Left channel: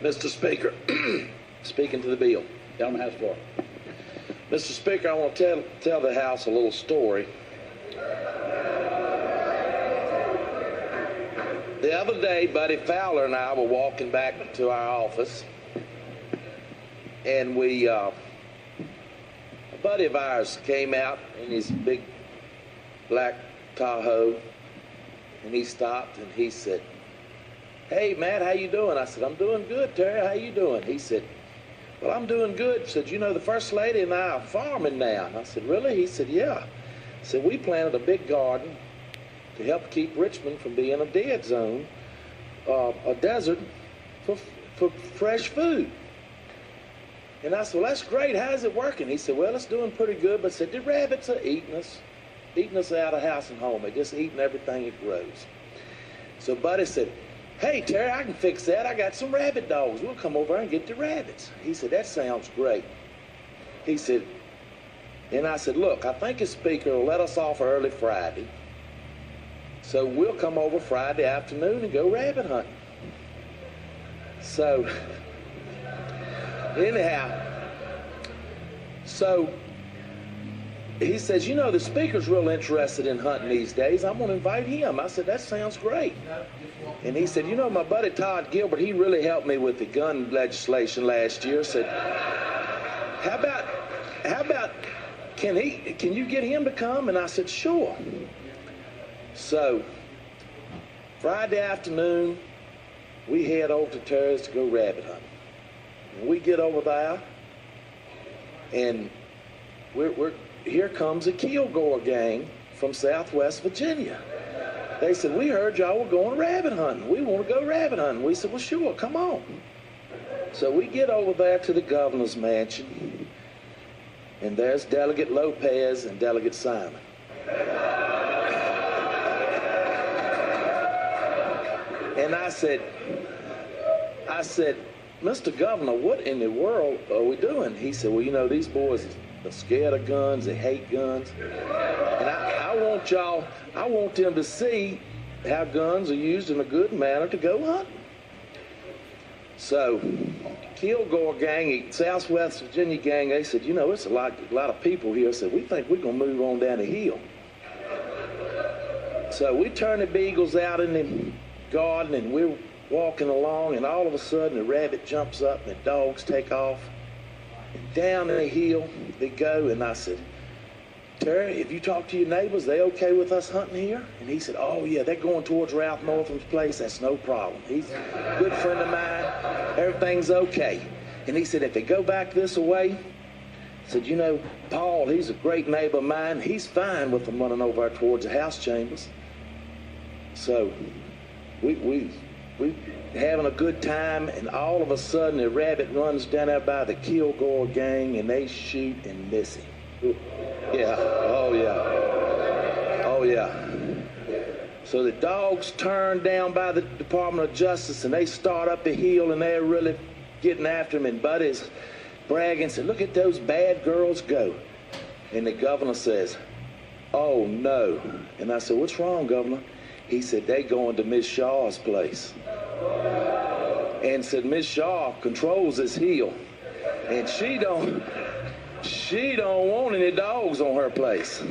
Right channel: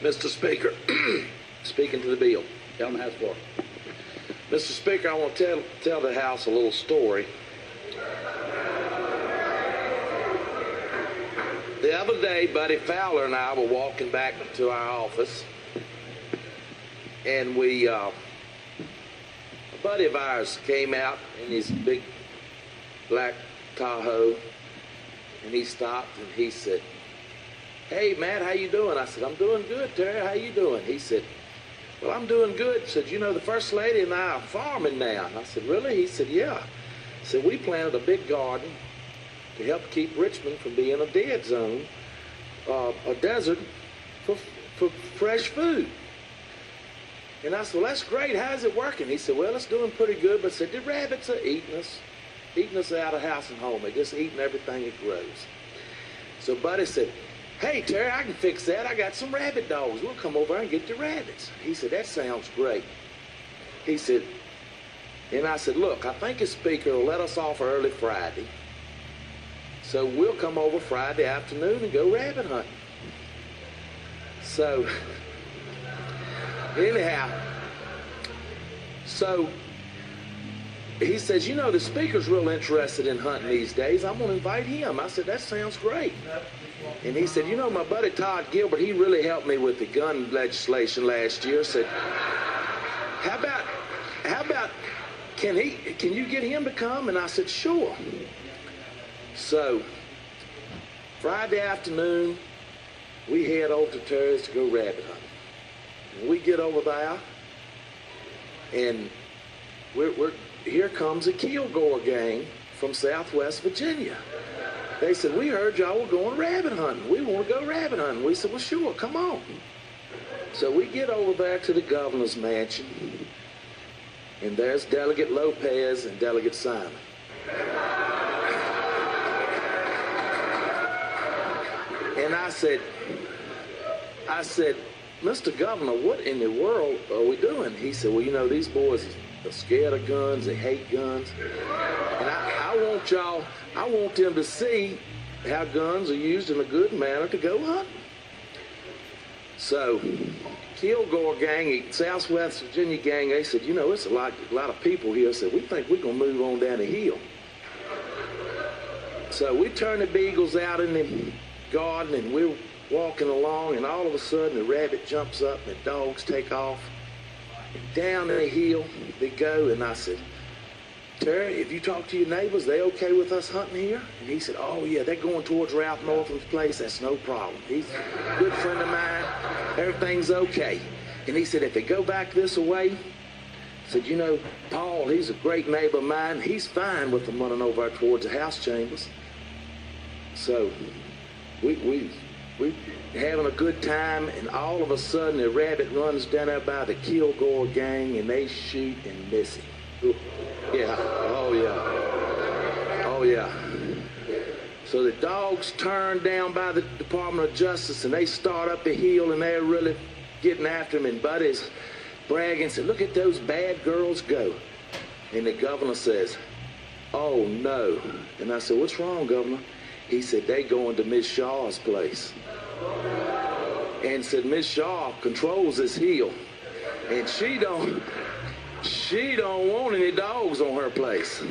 Mr. Speaker, speaking to the bill. Down the House floor. Mr. Speaker, I want to tell the House a little story. The other day, Buddy Fowler and I were walking back to our office, and a buddy of ours came out in his big black Tahoe, and he stopped and he said, "Hey, Matt, how you doing?" I said, "I'm doing good, Terry. How you doing?" He said, "Well, I'm doing good." He said, "You know, the First Lady and I are farming now." I said, "Really?" He said, "Yeah." He said, "We planted a big garden to help keep Richmond from being a dead zone, a desert for fresh food." And I said, "Well, that's great. How's it working?" He said, "Well, it's doing pretty good." But I said, "The rabbits are eating us out of house and home. They're just eating everything that grows." So Buddy said, "Hey, Terry, I can fix that. I got some rabbit dogs. We'll come over and get the rabbits." He said, "That sounds great." He said, and I said, "Look, I think the Speaker will let us off early Friday. So we'll come over Friday afternoon and go rabbit hunting." So, anyhow, so he says, "You know, the Speaker's real interested in hunting these days. I'm going to invite him." I said, "That sounds great." And he said, "You know, my buddy Todd Gilbert, he really helped me with the gun legislation last year." Said, how about, can you get him to come?" And I said, "Sure." So, Friday afternoon, we head over to Terry's to go rabbit hunting. And we get over there, and here comes a Kilgore gang from Southwest Virginia. They said, "We heard y'all were going rabbit hunting. We want to go rabbit hunting." We said, "Well, sure, come on." So we get over there to the governor's mansion, and there's Delegate Lopez and Delegate Simon. And I said, "Mr. Governor, what in the world are we doing?" He said, "Well, you know, these boys are scared of guns. They hate guns. And I want them to see how guns are used in a good manner to go hunting." So, Kilgore gang, Southwest Virginia gang, they said, "You know, it's a lot of people here." Said, "We think we're going to move on down the hill." So we turn the beagles out in the garden, and we're walking along, and all of a sudden the rabbit jumps up and the dogs take off. And down the hill they go, and I said, "Terry, if you talk to your neighbors, they okay with us hunting here?" And he said, "Oh, yeah, they're going towards Ralph Northam's place. That's no problem. He's a good friend of mine. Everything's okay." And he said, "If they go back this way," he said, "You know, Paul, he's a great neighbor of mine. He's fine with them running over towards the house chambers." So we having a good time, and all of a sudden the rabbit runs down there by the Kilgore gang, and they shoot and miss him. Yeah, oh yeah. So the dogs turn down by the Department of Justice, and they start up the hill, and they're really getting after him, and Buddy's bragging, said, "Look at those bad girls go." And the governor says, "Oh no." And I said, "What's wrong, Governor?" He said, "They going to Miss Shaw's place." And said, "Miss Shaw controls this hill, and she don't want any dogs on her place."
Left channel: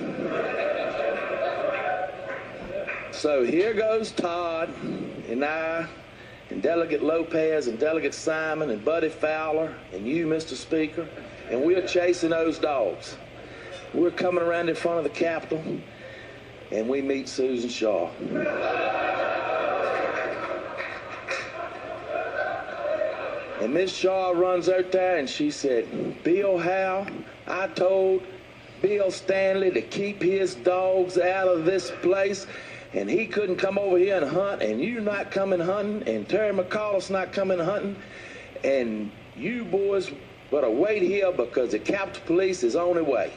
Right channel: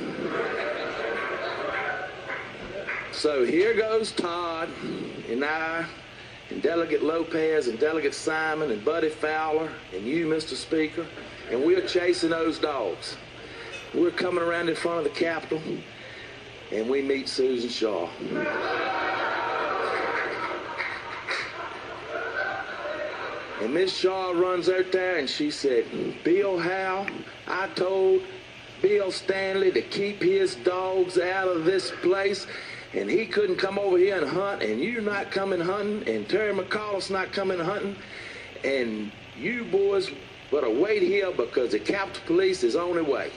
So here goes Todd and I and Delegate Lopez and Delegate Simon and Buddy Fowler and you, Mr. Speaker, and we're chasing those dogs. We're coming around in front of the Capitol, and we meet Susan Shaw. And Miss Shaw runs out there, and she said, "Bill Howe, I told Bill Stanley to keep his dogs out of this place, and he couldn't come over here and hunt, and you're not coming hunting, and Terry McAuliffe's not coming hunting, and you boys better wait here because the Capitol Police is on their way."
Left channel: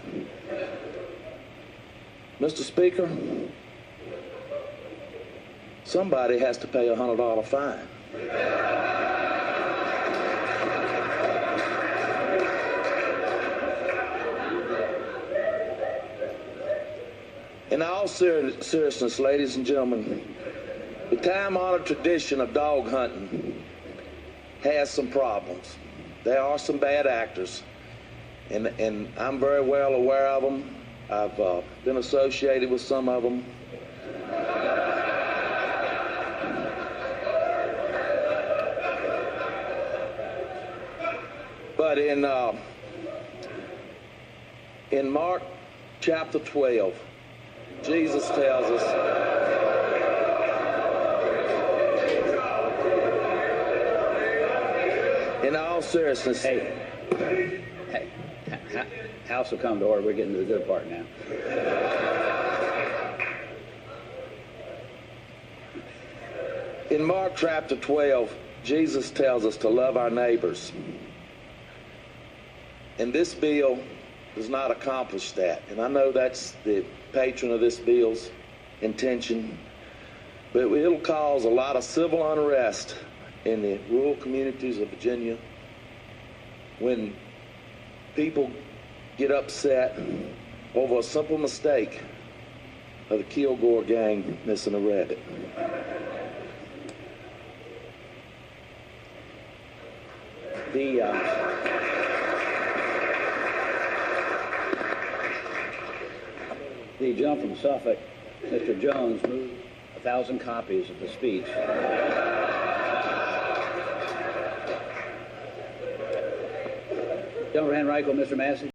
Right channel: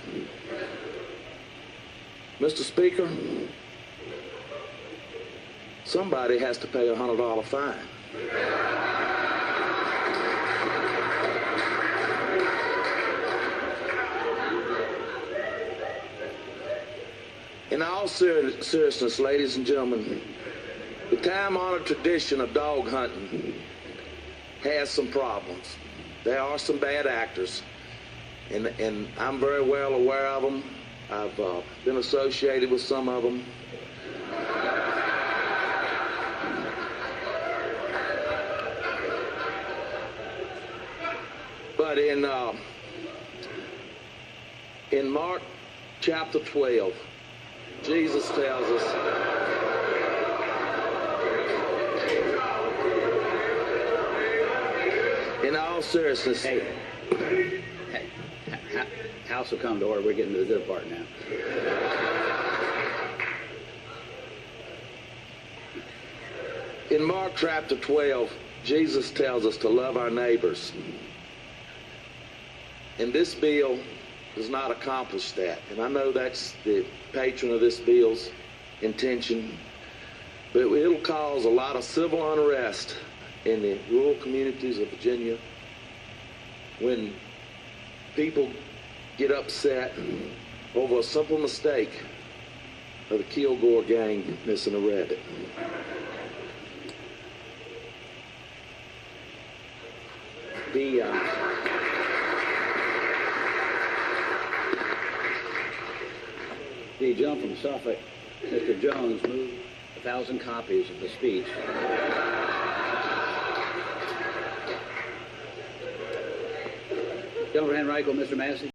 Mr. Speaker, somebody has to pay a $100 fine. In all seriousness, ladies and gentlemen, the time-honored tradition of dog hunting has some problems. There are some bad actors, and I'm very well aware of them. I've been associated with some of them. But in Mark chapter 12, Jesus tells us, in all seriousness, Hey, house will come to order. We're getting to the good part now. In Mark chapter 12, Jesus tells us to love our neighbors. And this bill does not accomplish that. And I know that's the patron of this bill's intention. But it'll cause a lot of civil unrest in the rural communities of Virginia when people get upset over a simple mistake of the Kilgore gang missing a rabbit. The gentleman from Suffolk, Mr. Jones, moved 1,000 copies of the speech. Gentleman Henrico, Mr. Massey.